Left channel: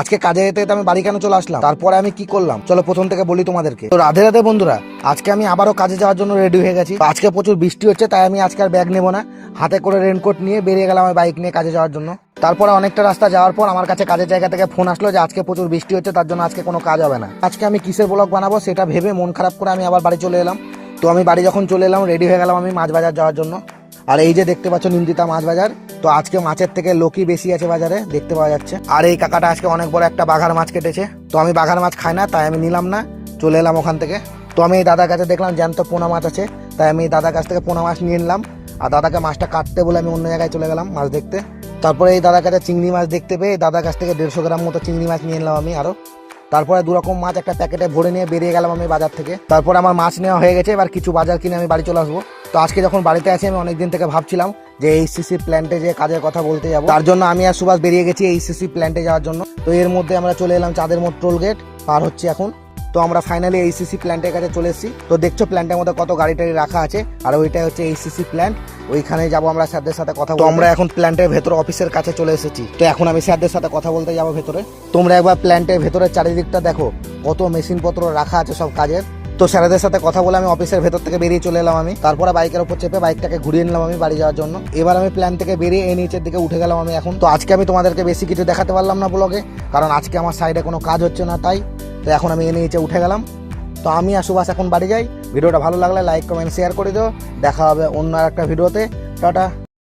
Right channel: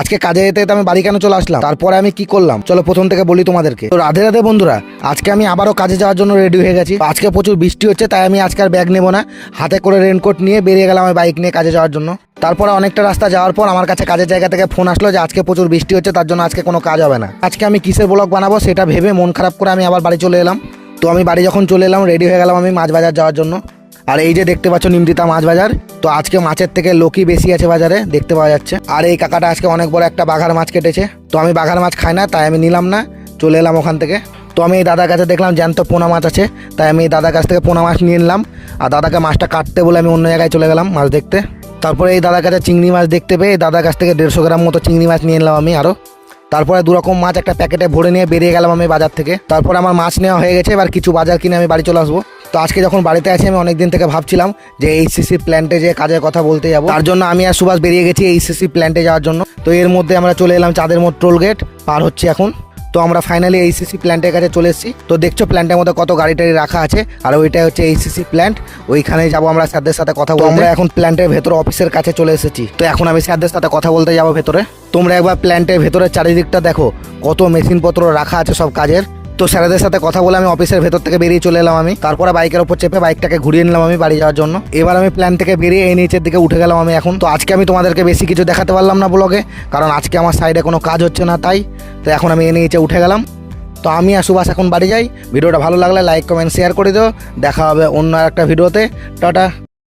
আজকে কাজে যেতে যেতে আমি বাড়ি কেন চলে আসলাম, তারপরে আমি কি করলাম চলো প্রথম থেকে বলি তোমাদেরকে। তো রাধে রাধে বন্ধুরা, আজকে আমি আবারও কাজে যাওয়ার জন্য রেডি হয়ে গেছি। তো আজকে প্রচুর বৃষ্টি হচ্ছে, তাই আমি আজকে আর ব্যাগ নেবো না, হাতে করে রেনকোট নিয়ে বেরিয়ে গেলাম আমি বাইক নিয়ে কাজে যাওয়ার জন্য। তারপরে অনেকটা রাস্তা যাওয়ার পর আমার কাছে কাজের জায়গা থেকে ফোন আসলো যে আজকে প্রচুর বৃষ্টি হচ্ছে, তার জন্য আজকে কোনো কাজ হবে না। আজকে আমি কিসের ব্লগ বানাবো সেটা ভেবে মন খারাপ করে আমি আবার বাড়ি চলে এলাম। তো আমি বাড়ি যখন চলে এলাম রেডি হয়ে গেলাম আমি মাছ বাজার যাওয়ার জন্য। আর এই যে দেখতে পাচ্ছ নিমতিতা মাছ বাজার, তো আজকে মাছের থেকে লোকই বেশি আছে বাজারে দেখতে পাওয়া যাচ্ছে। আর এই কাকাটা আজকে অনেক বড় একটা বাঘার মাছ কেটেছে, তো আমি বাঘার মাছ খাই না তাই আমি নিলাম না, চলে এলাম ওখান থেকে। তো আমি এই দাদার কাছে দেখলাম জ্যান্ত পোনা মাছ আছে, তাই আমি এই দাদার কাছ থেকে পোনা মাছ নিয়ে নিলাম। আর দাদাকে মাছটা কাটতে বলে আমি অন্য জায়গায় চলে গেলাম মাছ দেখতে। তারপরে এই দাদার কাছে চিংড়ি মাছ দেখতে পেয়ে দাদার কাছ থেকে 150 গ্রাম মতো চিংড়ি মাছ নিয়ে নিলাম আমি আরও। তারপরে 2 রকম মাছ একটা প্যাকেটে ভরে নিয়ে বেরিয়ে গেলাম আমি বাজার থেকে। তারপর আমার মাছ নেওয়া হয়ে গেছে, এবার কিছু বাজার কিনে আমি বাড়ি চলে আসবো। তো আজকে যখন বাড়িতে আছি আমি অনেকদিন থেকে ভাবছিলাম যে এইচসিসি প্ল্যান্টে যে কাজের কথা বলতে যাবো, তার জন্য আমি আর সুভাষ বেরিয়ে গেছি এইচসিসি প্ল্যান্টে যাওয়ার জন্য। তো এর মধ্যে আমরা চলে এলাম চাঁদের মোড় টোল গেট পার হচ্ছে এখন। তো আমরা ফাইনালি এইচসিসি প্ল্যান্টের কাছে চলে এসেছি। তো দেখছো প্ল্যান্টের মধ্যে কত গাড়ি টাড়ি রাখা আছে, আর ওইটাই হচ্ছে এইচসিসি প্ল্যান্ট। ওইখানে যাবো আমরা স্যারদের সাথে কথা বলতে। আমরা এখন প্ল্যান্টের ভেতরে অফিসের কাছে চলে এসেছি। তো এখন আমি স্যারদের সাথে কথা বলতে যাবো ভেতরে। তোমরা একবার প্ল্যান্টের ভেতরে চারিদিকটা দেখো, কত মেশিনপত্র রাখা আছে সব কাজের। তো স্যারদের সাথে কথা বলে আমি অফিসের ভেতর থেকে বেরিয়ে চলে এলাম আমি। তারপরে বাইকের উপর চেপে বাইকটাকে ঘুরিয়ে নিলাম আমি বাড়ি যাওয়ার জন্য। এবার আমি প্ল্যান থেকে বেরিয়ে এই নিচের দিকে উঠে গেলাম আমি এখন। তো আজকে আমি তোমাদেরকে বেশি কিছু দেখাতে পারলাম না ব্লগে, কারণ আজকে আমার সাইডে কোনো কাজ হচ্ছে না তাই। তো এখন আমি এই নিচে উঠে গেলাম। তো আমি আর সুভাষ এখন বাড়ি যাই। ভিডিওটা ভালো লাগলে লাইক কমেন্ট শেয়ার করে দিও। দেখা হবে অন্য একটা ভিডিওতে। টাটা।